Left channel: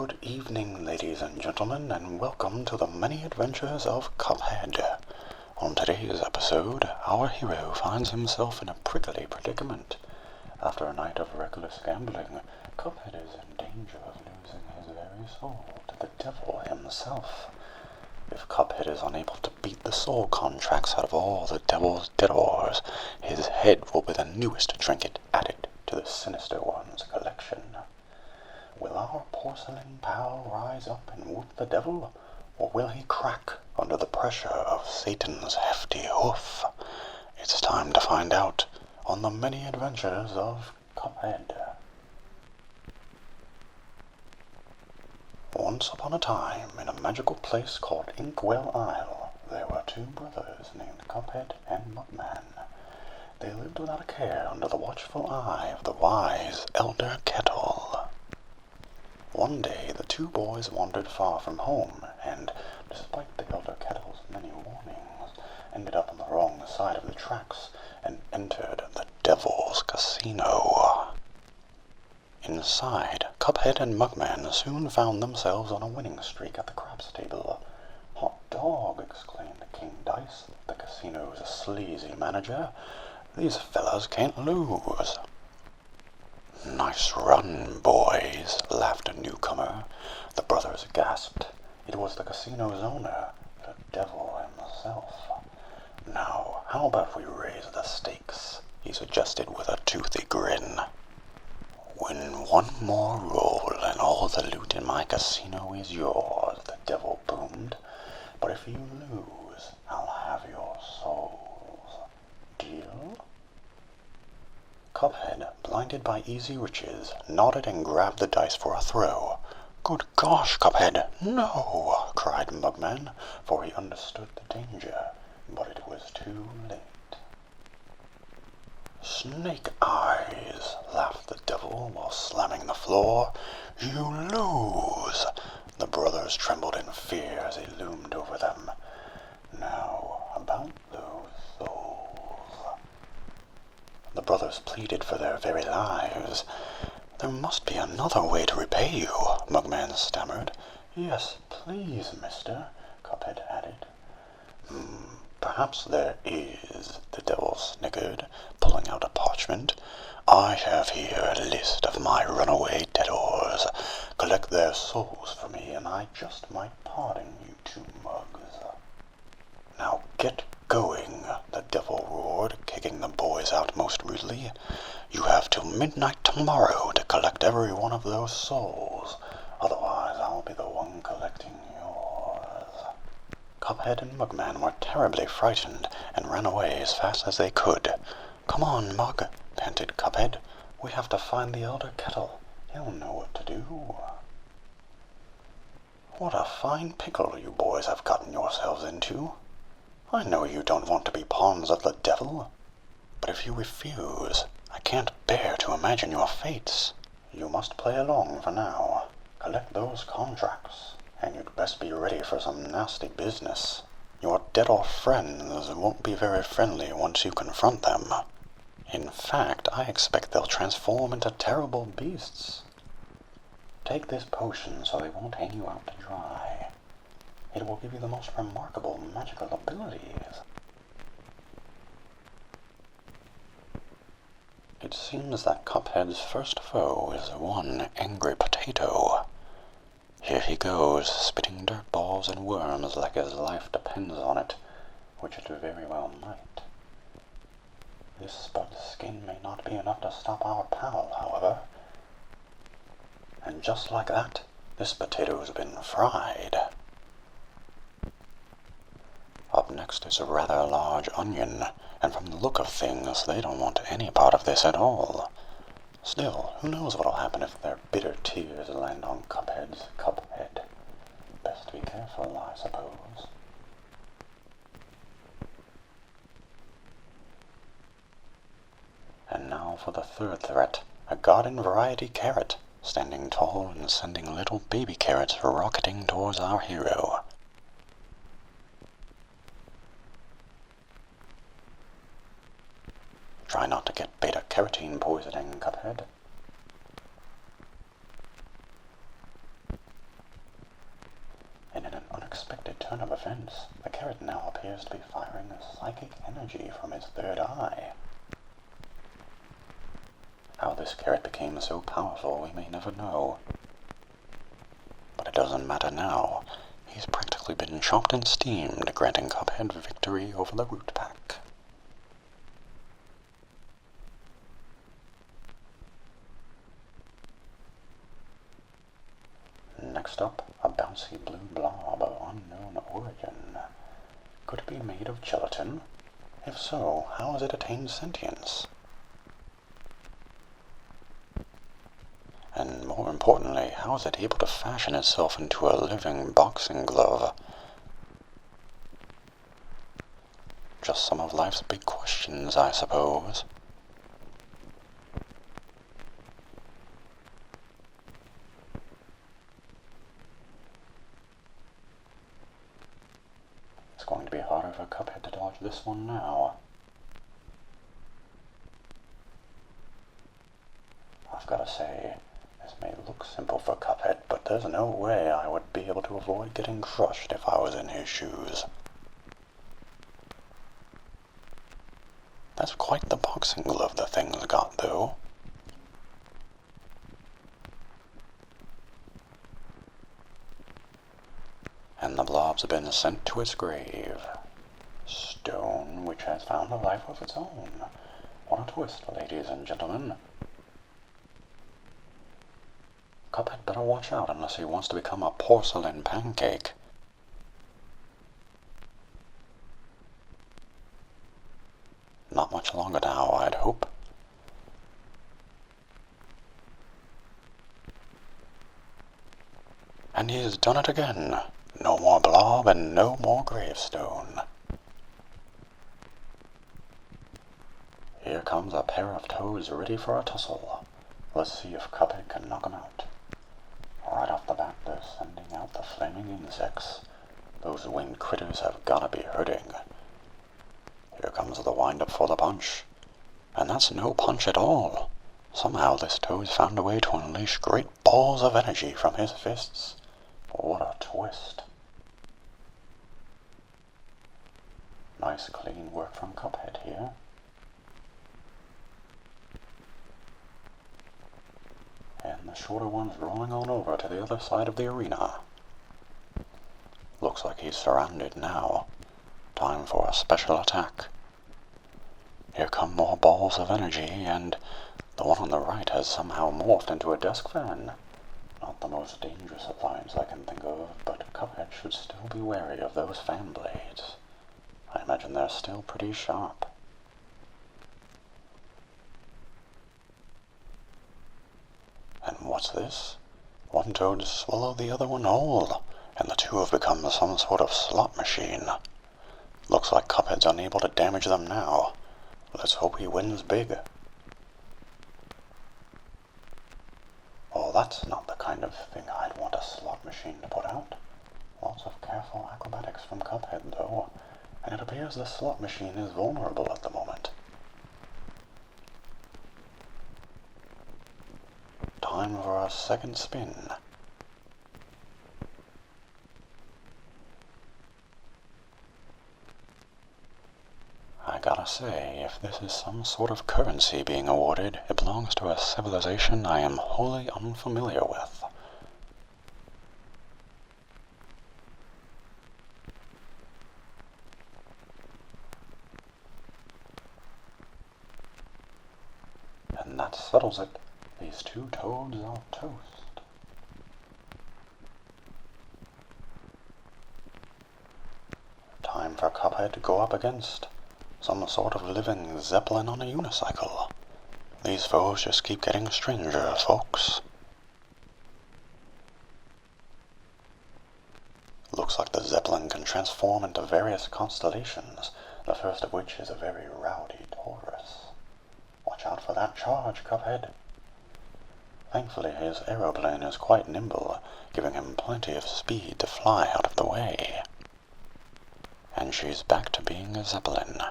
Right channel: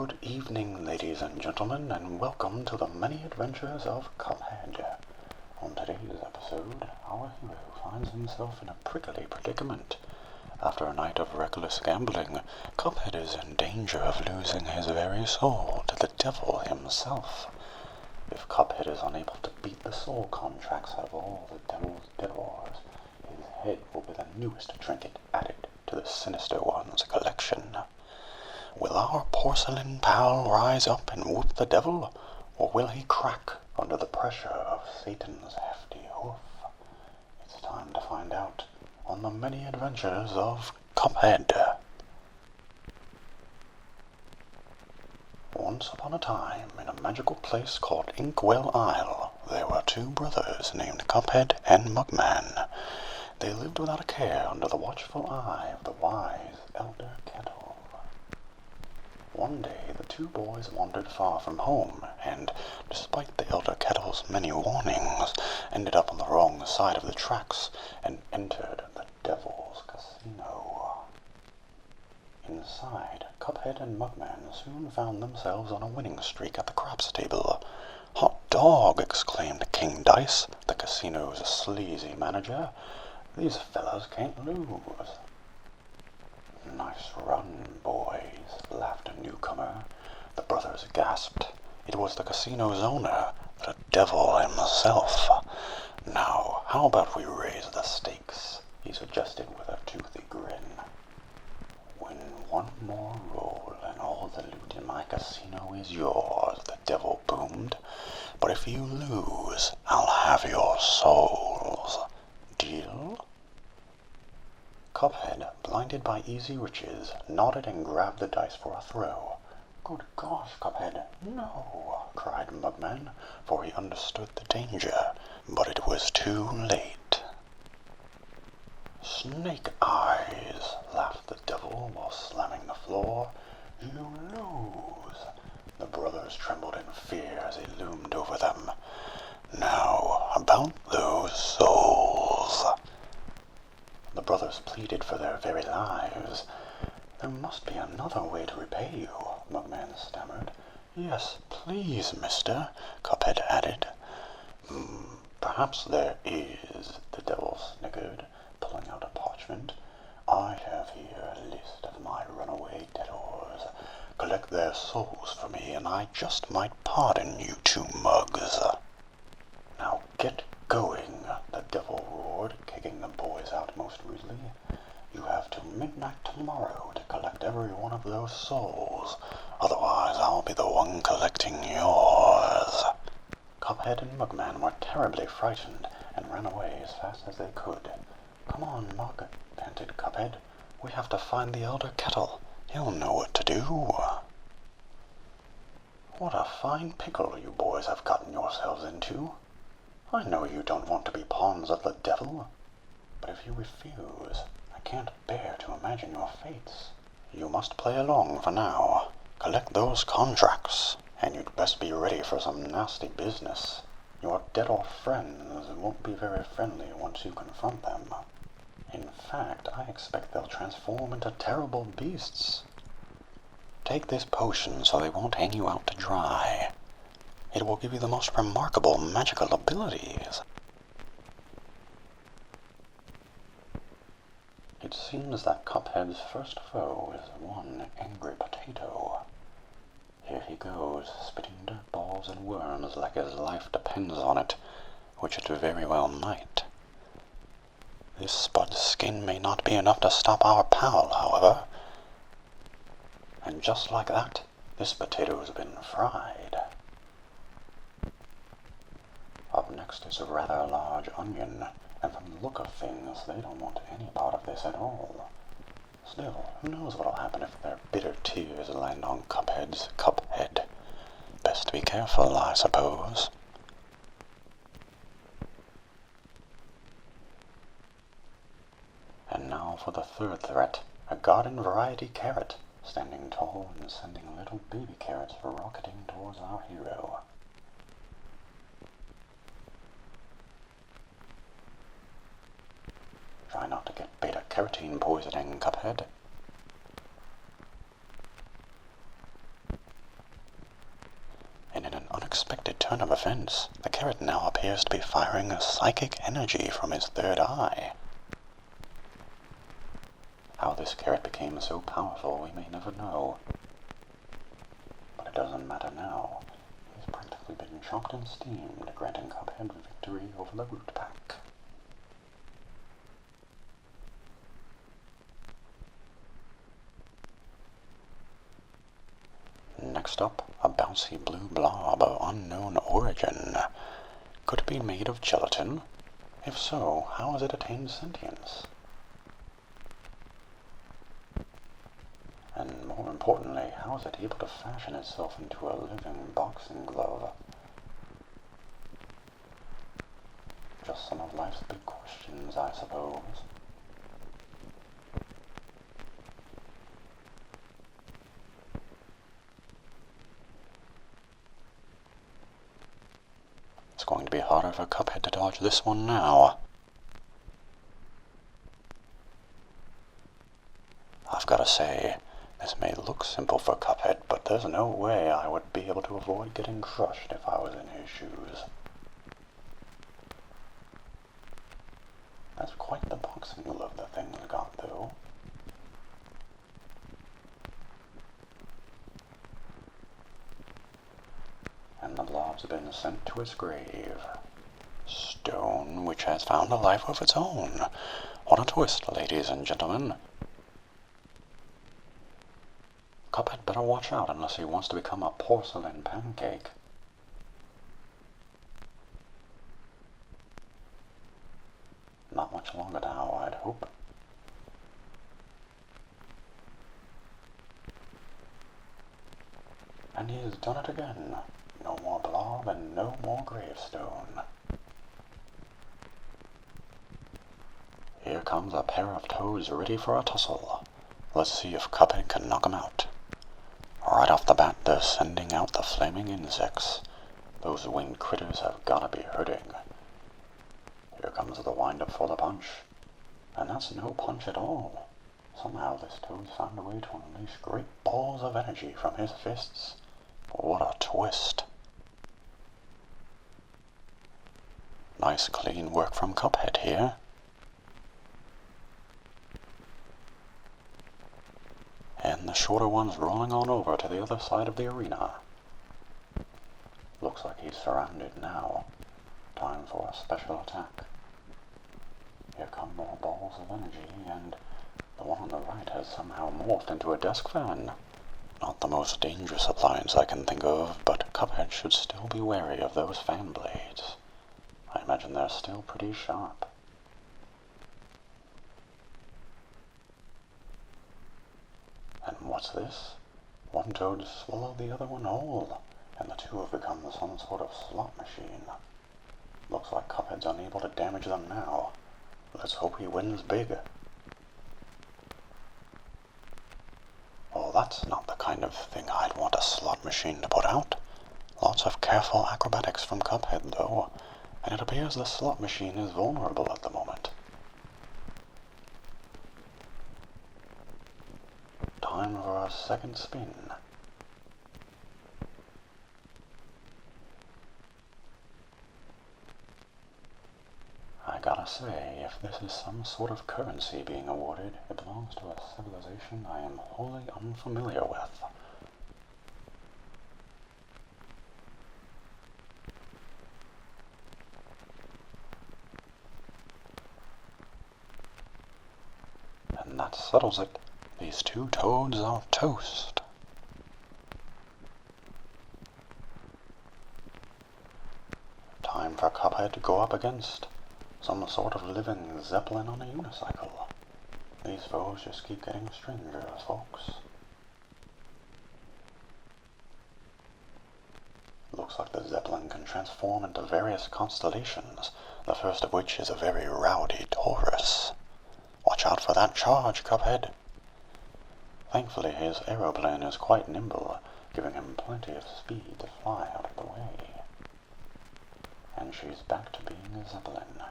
Good evening, ladies and gentlemen, and welcome to the many adventures of Cuphead. On today's episode, our hero finds himself in a prickly predicament. After a night of reckless gambling, Cuphead is in danger of losing his very soul to the devil himself. If Cuphead is unable to beat the soul contracts out of all the devil's debtors, his head will be the newest trinket added to the sinister one's collection. Will our porcelain pal rise up and whoop the devil, or will he crack under the pressure of Satan's hefty hoof? It's time to find out on the many adventures of Cuphead. Once upon a time, in a magical place called Inkwell Isle, there were two brothers named Cuphead and Mugman. They lived without a care under the watchful eye of the wise Elder Kettle. One day the two boys wandered far from home, and, despite the Elder Kettle's many warnings, ended up on the wrong side of the tracks and entered the Devil's Casino. Inside, Cuphead and Mugman soon found themselves on a winning streak at the craps table. "Hot dog!" exclaimed King Dice, the casino's sleazy manager. "These fellas can't lose." "Nice run, boys," laughed a newcomer. The brothers gasped. It was the casino's owner, the devil himself. "Now, how about we raise the stakes?" he suggested with a toothy grin. "Win one more roll and all the loot in my casino is yours," the devil boomed. "But if you lose, I'll have your souls. Deal?" Cuphead, blinded by easy riches, nodded and grabbed the dice for a throw. "Good gosh, Cuphead, no!" cried Mugman, for he understood the danger, but it was too late. "Snake eyes!" laughed the devil while slamming the floor. "You lose!" The brothers trembled in fear as he loomed over them. "Now, about those souls." The brothers pleaded for their very lives. "There must be another way to repay you," Mugman stammered. "Yes, please, mister," Cuphead added. Perhaps there is," the devil snickered, pulling out a parchment. "I have here a list of my runaway debtors. Collect their souls for me, and I just might pardon you two mugs." "Now get going," the devil roared, kicking the boys out most rudely. "You have till midnight tomorrow to collect every one of those souls. Otherwise I'll be the one collecting yours." Cuphead and Mugman were terribly frightened and ran away as fast as they could. "Come on, Mug," panted Cuphead. "We have to find the Elder Kettle. He'll know what to do." "What a fine pickle you boys have gotten yourselves into. I know you don't want to be pawns of the devil, but if you refuse, I can't bear to imagine your fates. You must play along for now. Collect those contracts, and you'd best be ready for some nasty business. Your debtor friends won't be very friendly once you confront them. In fact, I expect they'll transform into terrible beasts. Take this potion so they won't hang you out to dry. It will give you the most remarkable magical abilities." It seems that Cuphead's first foe is one angry potato. Here he goes, spitting dirt balls and worms like his life depends on it, which it very well might. This spud skin may not be enough to stop our pal, however. And just like that, this potato's been fried. Up next is a rather large onion, and from the look of things, they don't want any part of this at all. Still, who knows what'll happen if their bitter tears land on Cuphead's cuphead. Best be careful, I suppose. And now for the third threat, a garden variety carrot, standing tall and sending little baby carrots rocketing towards our hero. Try not to get beta-carotene poisoning, Cuphead. defense, the carrot now appears to be firing a psychic energy from his third eye. How this carrot became so powerful we may never know. But it doesn't matter now. He's practically been chopped and steamed, granting Cuphead victory over the root pack. Next up, a bouncy blue blob of unknown origin. Could it be made of gelatin? If so, how has it attained sentience? And more importantly, how is it able to fashion itself into a living boxing glove? Just some of life's big questions, I suppose. It's going to be harder for Cuphead to dodge this one now. I've got to say, this may look simple for Cuphead, but there's no way I would be able to avoid getting crushed if I was in his shoes. That's quite the boxing glove the thing's got, though. And the blob's been sent to its grave. Stone, which has found a life of its own. What a twist, ladies and gentlemen. Cuphead better watch out unless he wants to become a porcelain pancake. Not much longer now, I'd hope. And he's done it again. No more blob and no more gravestone. Here comes a pair of toads ready for a tussle. Let's see if Cuphead can knock 'em out. Right off the bat, they're sending out the flaming insects. Those winged critters have gotta be hurting. Here comes the wind-up for the punch. And that's no punch at all. Somehow this toad's found a way to unleash great balls of energy from his fists. What a twist. Nice clean work from Cuphead here. And the shorter one's rolling on over to the other side of the arena. Looks like he's surrounded now. Time for a special attack. Here come more balls of energy, and the one on the right has somehow morphed into a desk fan. Not the most dangerous appliance I can think of, but Cuphead should still be wary of those fan blades. I imagine they're still pretty sharp. And what's this? One toad swallowed the other one whole, and the two have become some sort of slot machine. Looks like Cuphead's unable to damage them now. Let's hope he wins big. Oh, that's not the kind of thing I'd want a slot machine to put out. Lots of careful acrobatics from Cuphead, though, and it appears the slot machine is vulnerable at the moment. Time for a second spin. I gotta say, if this is some sort of currency being awarded, it belongs to a civilization I am wholly unfamiliar with. And that settles it. These two toads are toast. Time for Cuphead to go up against some sort of living zeppelin on a unicycle. These foes just keep getting stranger, folks. Looks like the zeppelin can transform into various constellations, the first of which is a very rowdy Taurus. Watch out for that charge, Cuphead. Thankfully, his aeroplane is quite nimble, giving him plenty of speed to fly out of the way. And she's back to being a zeppelin.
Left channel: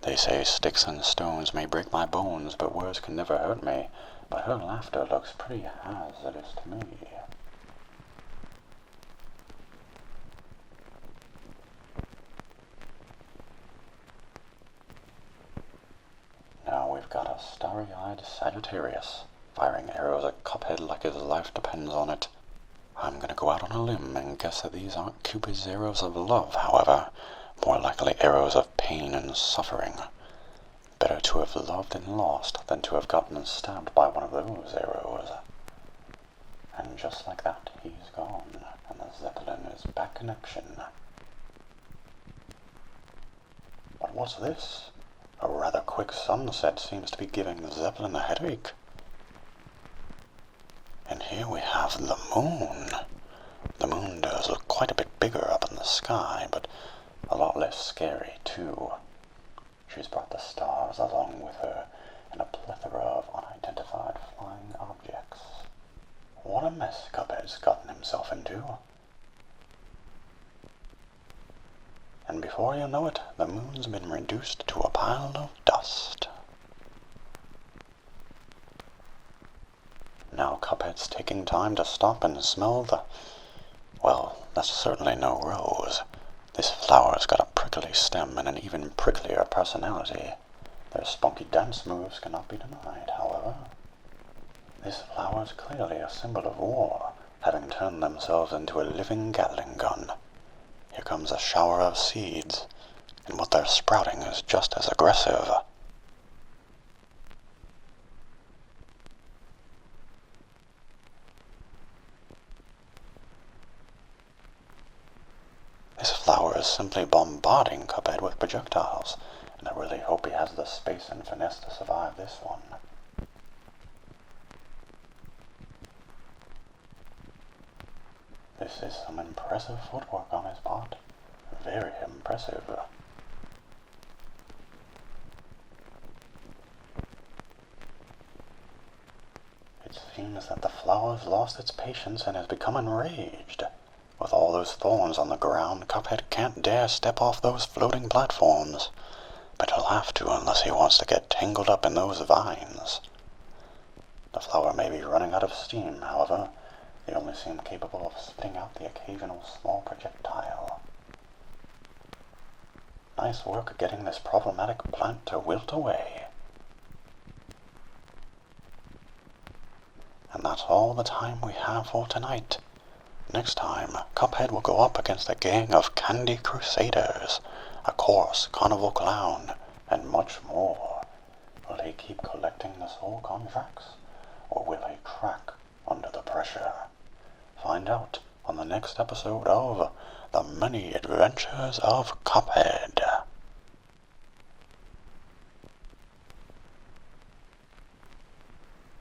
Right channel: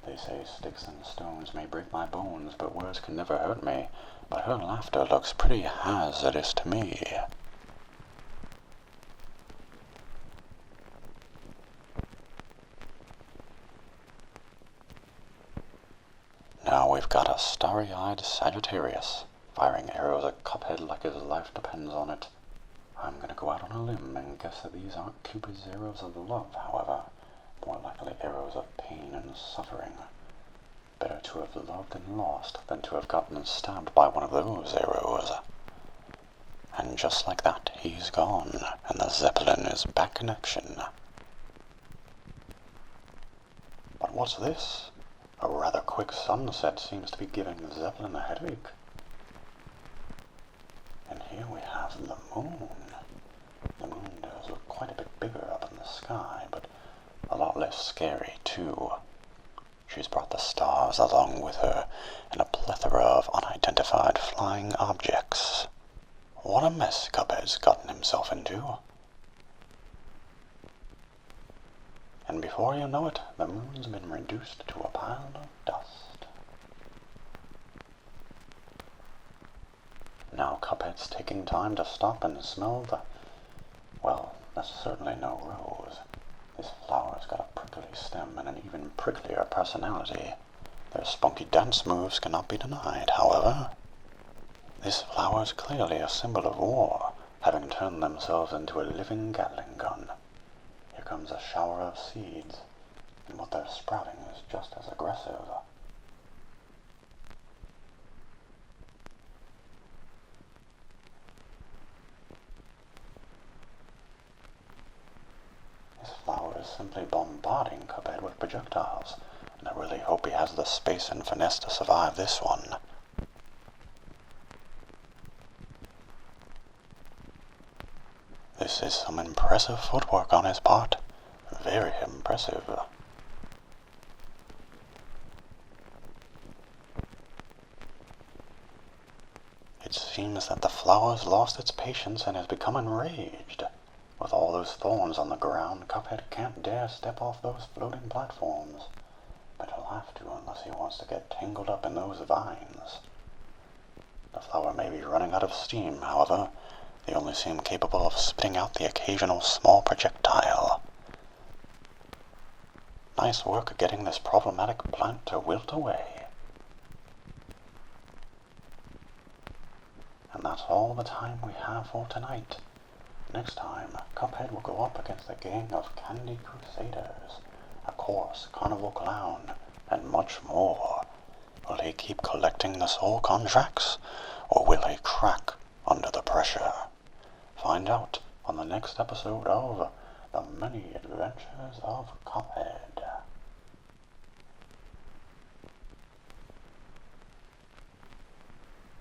They say sticks and stones may break my bones, but words can never hurt me. But her laughter looks pretty hazardous to me. Now we've got a starry-eyed Sagittarius, firing arrows at Cuphead like his life depends on it. I'm gonna go out on a limb and guess that these aren't Cupid's arrows of love, however. More likely arrows of pain and suffering. Better to have loved and lost than to have gotten stabbed by one of those arrows. And just like that, he's gone, and the Zeppelin is back in action. But what's this? A rather quick sunset seems to be giving the Zeppelin a headache. And here we have the moon. The moon does look quite a bit bigger up in the sky, but a lot less scary, too. She's brought the stars along with her, and a plethora of unidentified flying objects. What a mess Cuphead's gotten himself into. And before you know it, the moon's been reduced to a pile of dust. Now Cuphead's taking time to stop and smell the... Well, that's certainly no rose. This flower's got a prickly stem and an even pricklier personality. Their spunky dance moves cannot be denied, however. This flower's clearly a symbol of war, having turned themselves into a living Gatling gun. Here comes a shower of seeds, and what they're sprouting is just as aggressive. This flower is simply bombarding Cuphead with projectiles, and I really hope he has the space and finesse to survive this one. This is some impressive footwork on his part. Very impressive. It seems that the flower's lost its patience and has become enraged. With all those thorns on the ground, Cuphead can't dare step off those floating platforms. But he'll have to unless he wants to get tangled up in those vines. The flower may be running out of steam, however. They only seem capable of spitting out the occasional small projectile. Nice work getting this problematic plant to wilt away. And that's all the time we have for tonight. Next time, Cuphead will go up against a gang of candy crusaders, a coarse carnival clown, and much more. Will he keep collecting the soul contracts, or will he crack under the pressure? Find out on the next episode of The Many Adventures of Cuphead.